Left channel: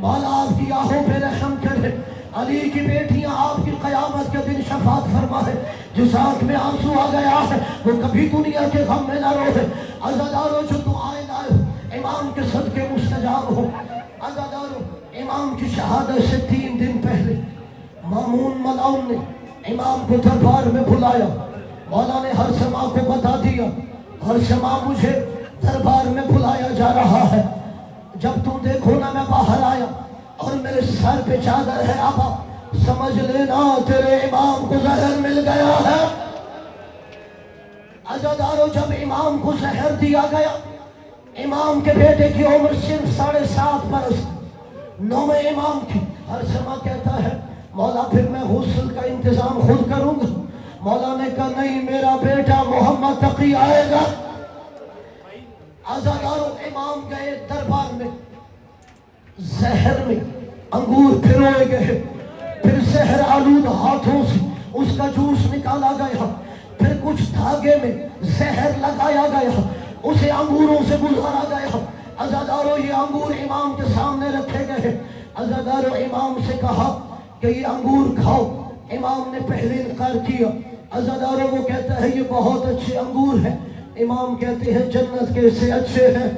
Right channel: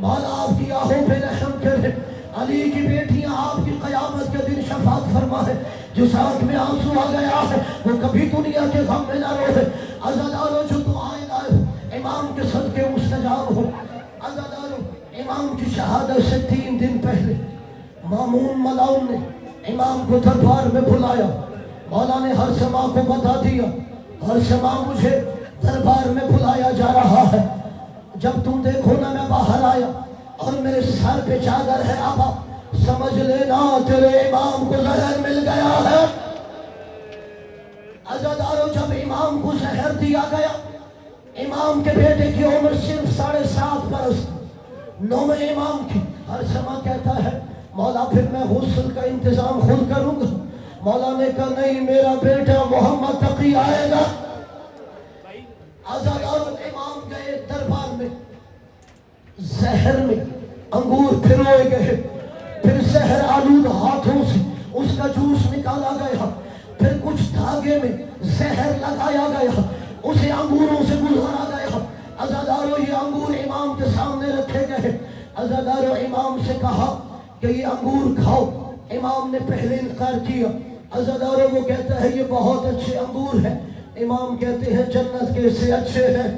मौला आपकी आहों पे रहम करे। अली की बेटियां आपकी कयामत के दिन शफात फरमाए। जिस आंख में आंसू आ गया है वो कभी दुनिया के गम में ना रोए। अज़ादारो जो दुआएं लाए इमाम के सदके मुस्तजाब हो। अज़ादारो इमाम की शहादत से 3 दिन पहले मामून मलाउन ने इमाम को दरबार में बुलाया। मौला ने हर समा को बता दिया, हर समा मुझे दरबार में बुलाया जा रहा है। जब तुम देखो ना मैं बाहर आया और मेरे सर पे चादर है आबा, समझ लेना तेरे इमाम को जहर मिल गया है। अज़ादारो जब इमाम को जहर दिया गया, इमाम के बेटे की उम्र सिर्फ 7.5 बरस, 9वें इमाम की। हर समा कहता है मौला फिर मैं गुस्ल का इंतजाम खुद करूंगा। मौला ने कहा नहीं, मेरा बेटा मोहम्मद तकी आएगा। अज़ादारो इमाम गए दरबार में, जहर में अंगूर फिरोए गए, फिर जहर आलूद हाथों से उसका जूस निकाला गया, फिर कुछ धागे में जहर लगाया गया, उसे अंगूरों से गुजारा गया। अज़ादारो ये अंगूर इमाम के सामने रखे गए। अज़ादारो इमाम से कहा कि ये अंगूर खाओ। इमाम ने पहले इनकार किया। अज़ादारो वो कहता है ये बहुत अच्छे अंगूर हैं। इमाम कहते हैं जन्नत के से अच्छे हैं।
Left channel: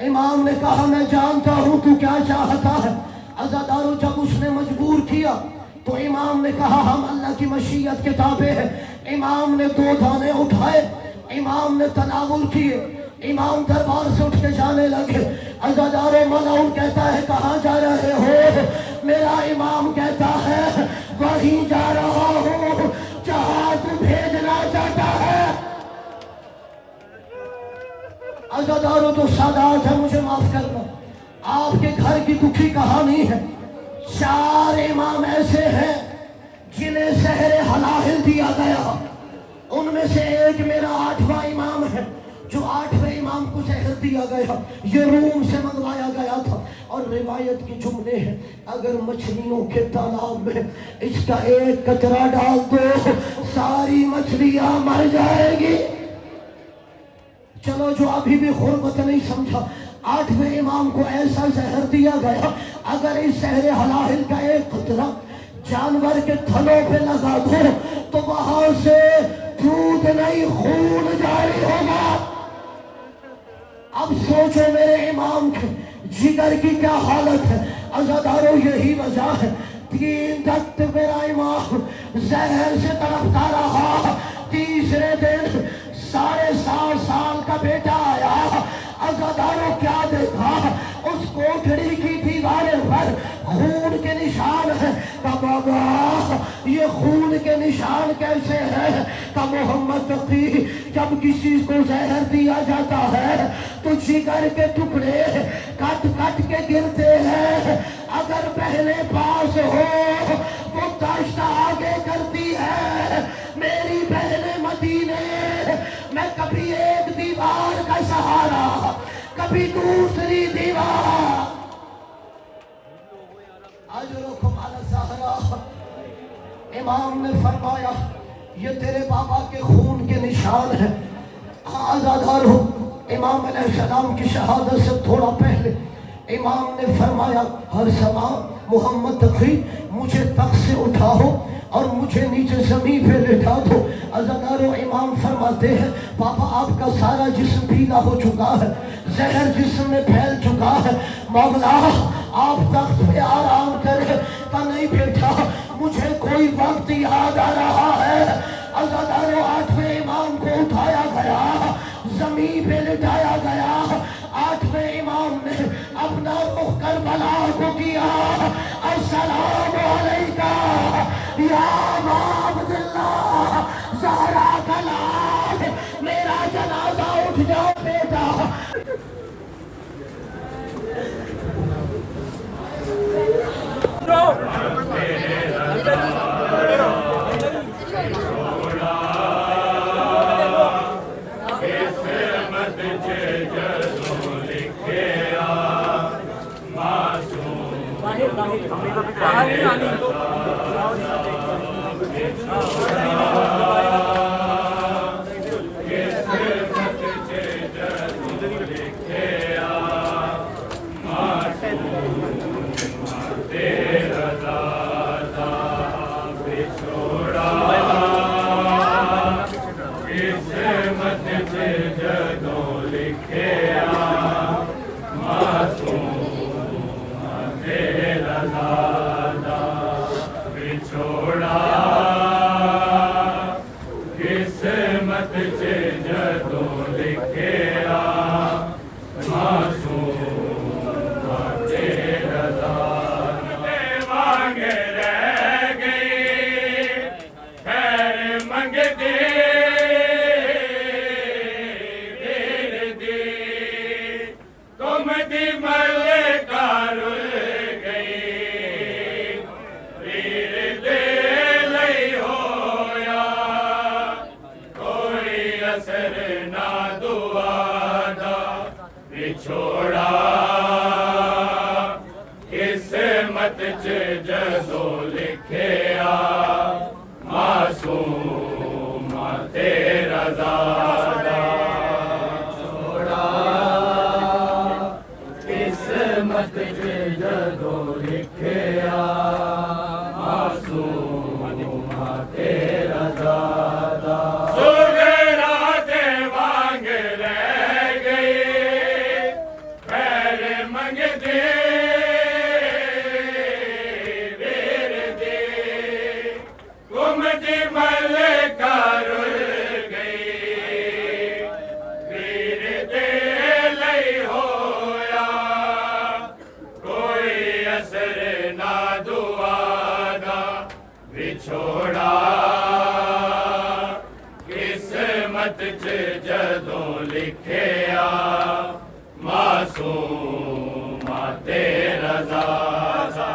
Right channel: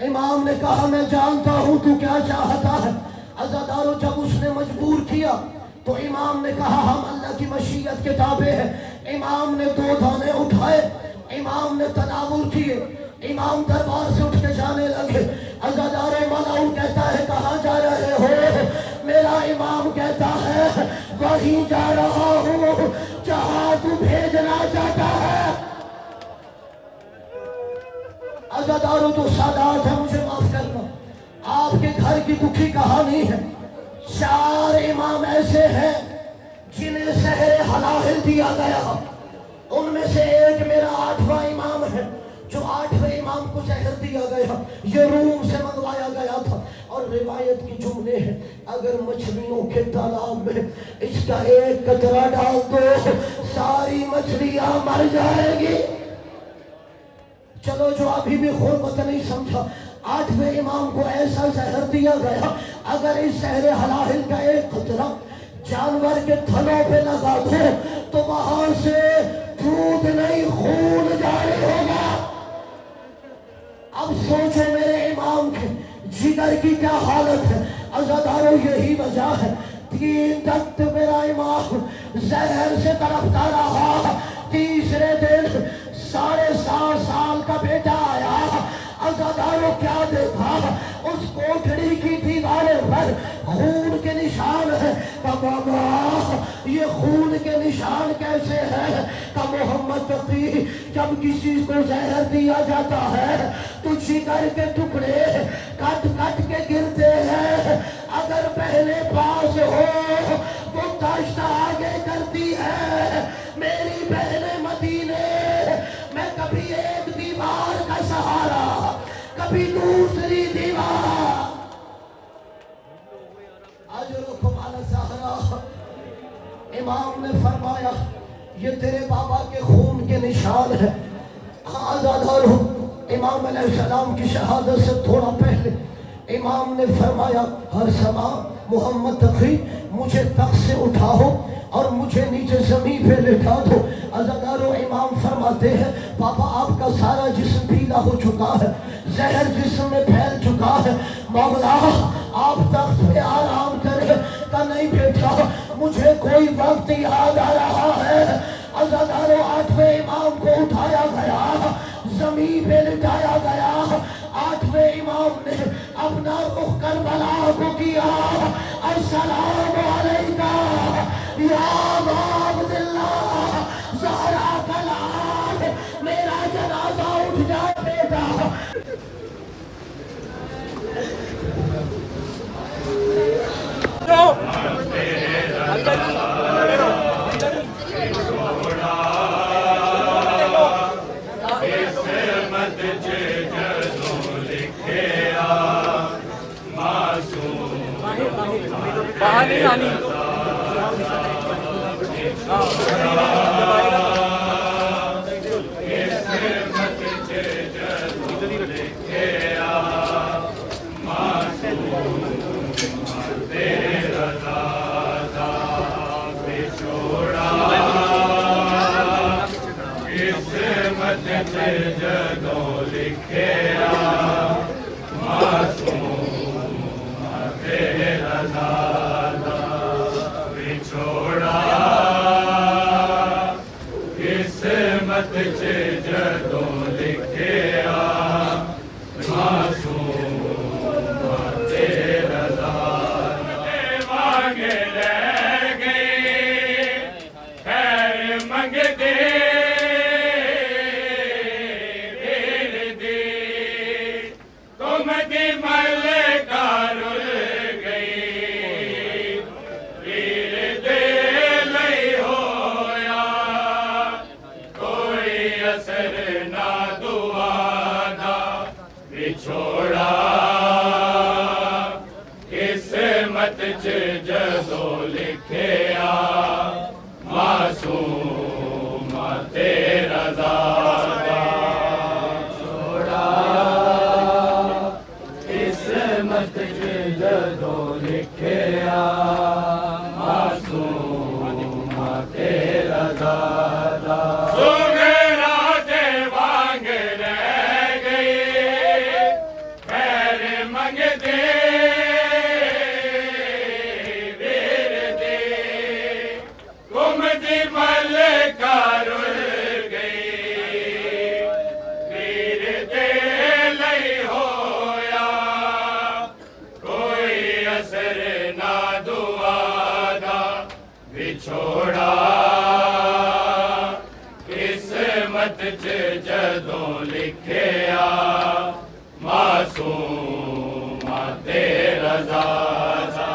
इमाम ने कहा मैं जानता हूं तू क्या चाहता है। अज़ादारो जब उसने मजबूर किया तो इमाम ने कहा हम अल्लाह की मशीयत के ताबे हैं। इमाम ने 2 दाने उठाए, इमाम ने तनावुल किए, इमाम दरबार से उठ के जाने लगे। अज़ादारो मलाउन कहता है कहाँ जा रहे हो? मेरा इमाम कहता है वहीं जा रहा हूँ जहाँ तू भेजना चाहता है। अज़ादारो तो सादात है, मुझे माफ करना, आपके घर की दुखी कहानी है। 4 इमाम ऐसे हैं जिन्हें शहर हलाहिल दिया गया। उनमें से एक मेरा 8वां इमाम है जो 8वें इमाम को शहर दिया गया। ये रूम से मंगवाया गया था। और रिवायत की जुमले हैं अगर मछलियों के तालाब में इसका एक कतरा डाल दो सारी मछलियां मर जाएगी। चलो जो अभी भी गुर्बत नहीं समझा, 8वें इमाम को ऐसा जहर दिया गया अगर इस शहर हलाहिल का एक कतरा जानवर के थलों पे लगा दो तो वहां से दूध नहीं खून जारी होगा। अब सोचो मेरे इमाम के जिगर की क्या हालत है। अज़ादारो यही वजह है 3 तक मेरा इमाम जहर से तड़पता रहा। तीसरे दिन 7.5 साल का बेटा आया। अज़ादारो क्या देखा, उस कोठरी की दीवारों पर खून के निशान है। बाबा ये खून के निशान कैसे है? का मोहम्मद तकी जब किसी को जहर दिया जाता है तो जिगर के टुकड़े कट कट के गिरते हैं। अगर पहले पास हो तो दश्त आगे करती है। मेरी बहने मदीने मैं कभी एक दीवार का सहारा, कभी दूसरी दीवार। इमाम ने फरमाया ये तेरे बाबा के खून के निशान है। आज़ादार हो इमाम अलैहिस्सलाम की शहादत से थोड़ा पहले इमाम ने फरमाया हर समा मोहम्मद तकी मुझे तख्त से उठाओ और मुझे नीचे जमीन पे लेटा दो। अज़ादारो इमाम फरमाते हैं पापा आपका सारा जिस्म पीला हो चुका है, जहर जिस्म में फैल चुका है। मौला आप तख्त पे आराम करें। का नहीं बेटा मुझे कोई वक्त याद आ रहा है। अज़ादारो 8वें इमाम को उठाया गया, जमीन पे लिटाया गया। 8वें इमाम ने अपना रुख करबला को किया। अस्सलामु अलैका या अब्दुल्लाह ज़हरा का लाल, मेरा जनाजा उठ जा बेटा। किस्मत च जदों लिखिया मासूम तेरा ज़ादा सुगरा दे वांग रह गई पैर मंगदे वीर दे घुमदी मलका रुल गई वीर दे लई होया कोई असर ना दुआ दा विछोड़ा किस्मत च जदों लिखिया मासूम तेरा ज़ादा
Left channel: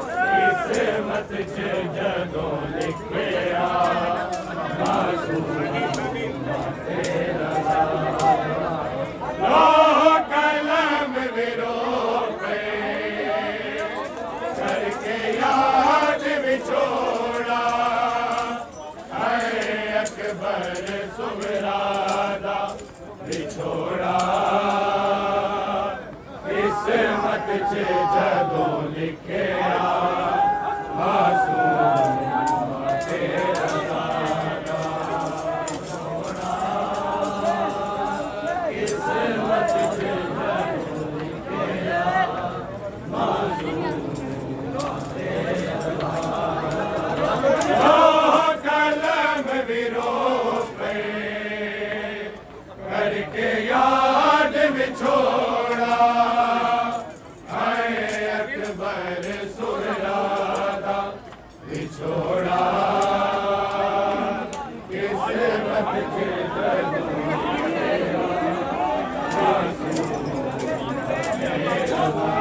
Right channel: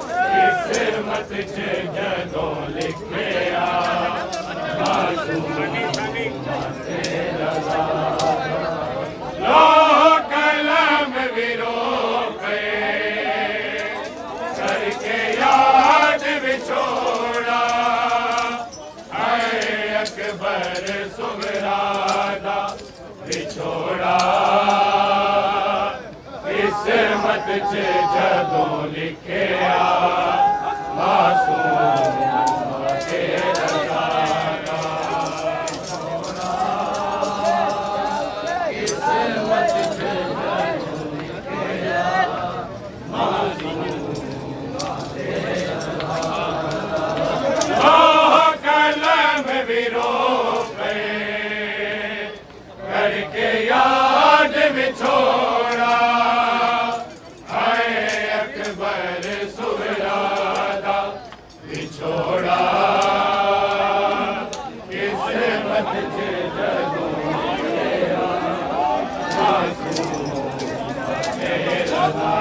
किस्मत च जदों लिखिया मासूम तेरा ज़ादा लोह कलम विरो पे करके याद विछोड़ा है अकबर सुगरादा विछोड़ा किस्मत च जदों लिखिया मासूम तेरा ज़ादा किस्मत च जदों लिखिया मासूम तेरा ज़ादा कलम विरो पे करके याद विछोड़ा है अकबर सुगरादा विछोड़ा किस्मत च जदों लिखिया मासूम तेरा ज़ादा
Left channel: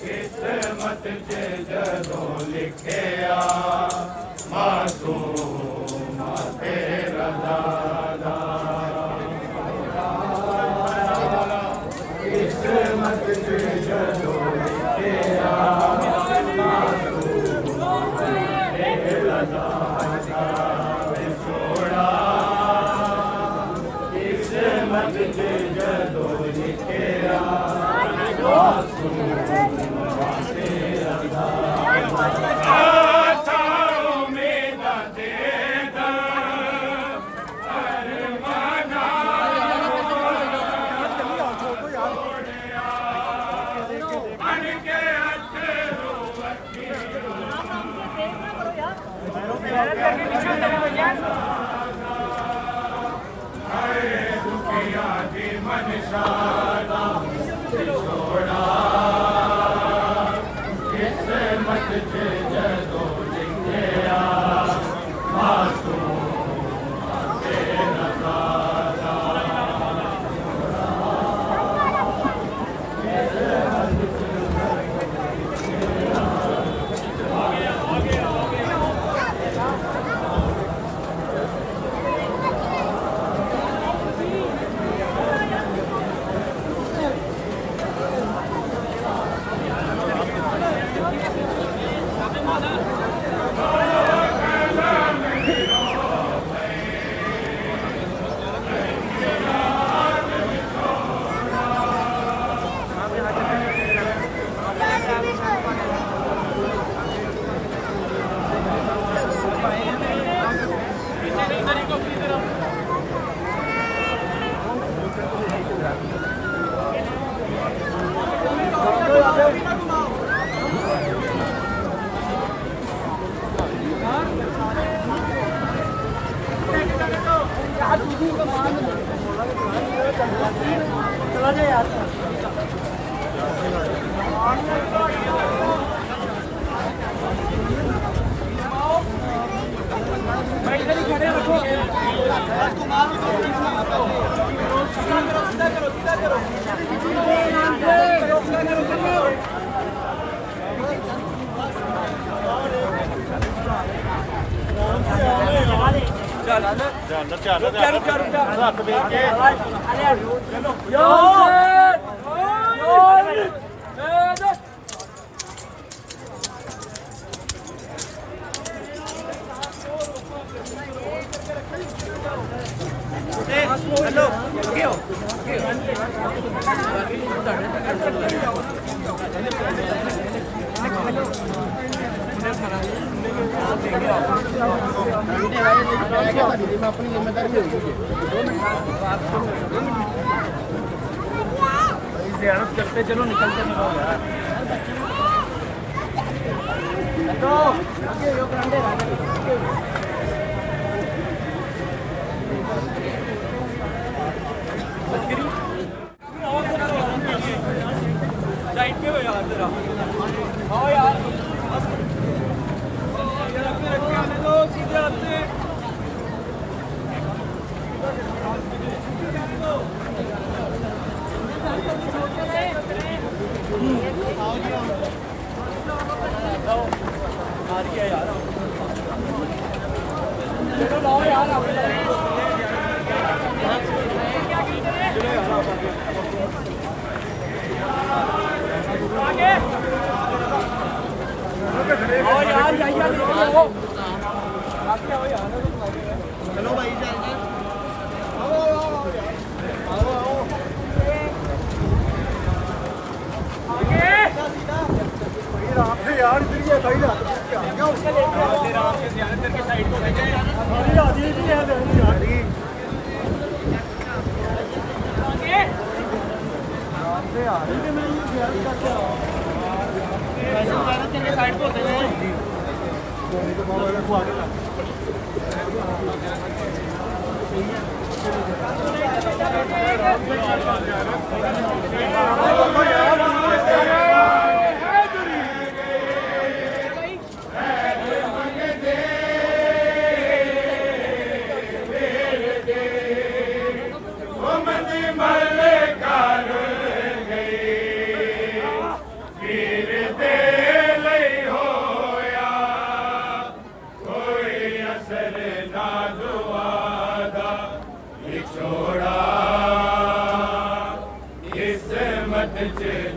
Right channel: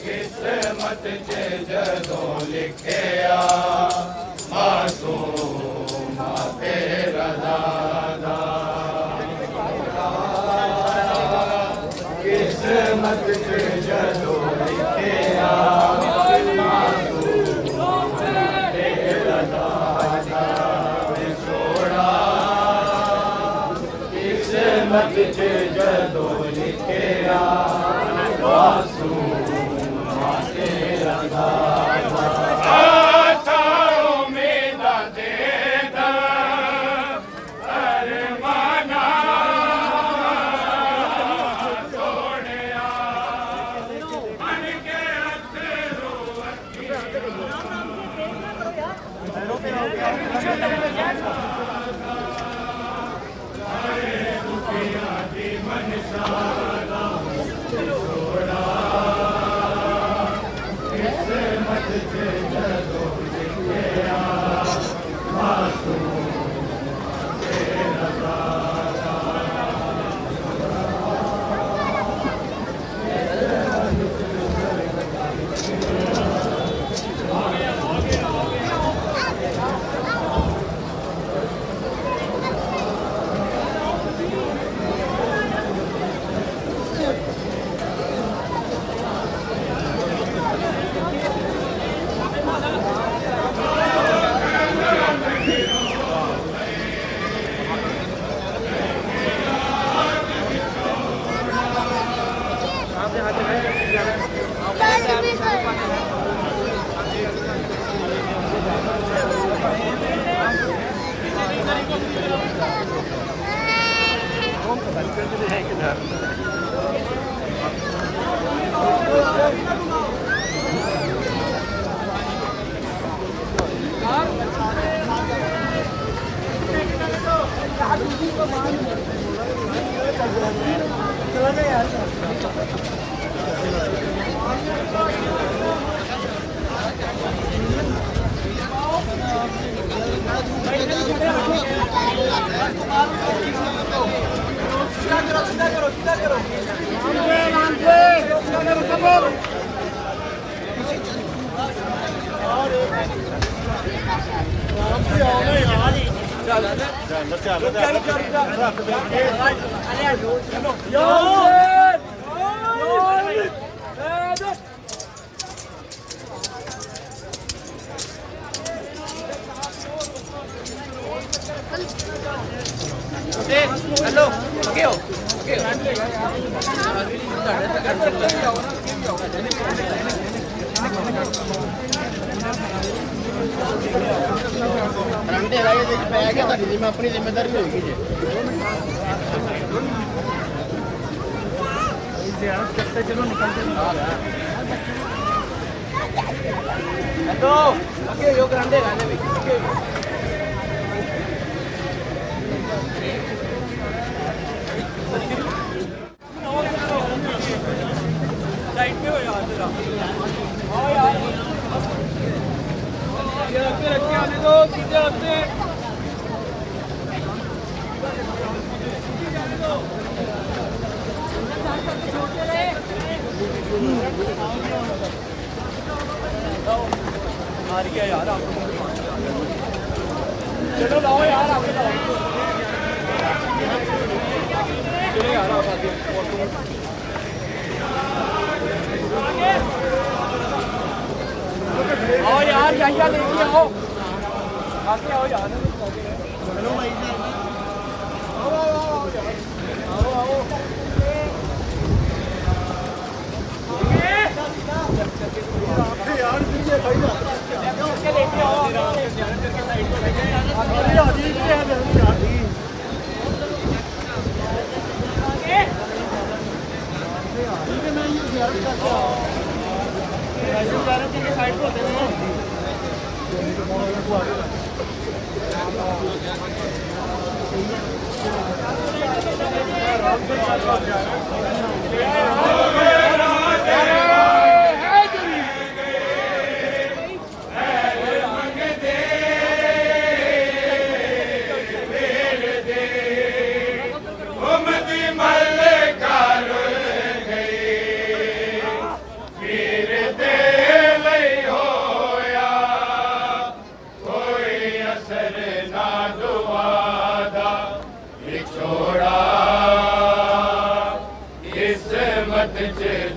किस्मत च जदों लिखिया मासूम तेरा ज़ादा किस्मत च जदों लिखिया मासूम तेरा ज़ादा विछोड़ा किस्मत च जदों लिखिया मासूम तेरा ज़ादा उम्मीद देदा अरमाना छोड़िया मन के अथरू दुखिया की मनशाला छोड़ा किस्मत च जदों लिखिया मासूम तेरा ज़ादा Thank you. ज़ियारत करते चलो निकलते नहीं होगा साइड पे हो यार जरा आओ यार आ रही है यार चलो लाओ यार आगे आओ यार जाइए लेके आओ आगे आओ यार चलो भाई जाइए आओ यार आओ यार फिर ये भाई उसके लेके आओ आराम से ध्यान करके साइड को भेजें अरे आदि भी है यार दी आगे आराम से यार राजू गाना चल के साइड को होते हैं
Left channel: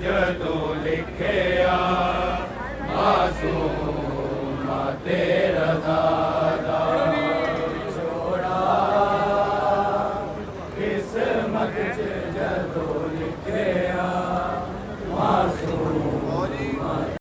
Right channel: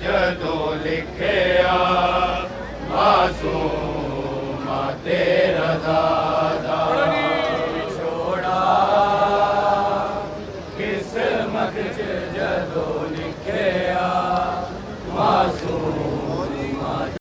जदों लिखिया मासूम ते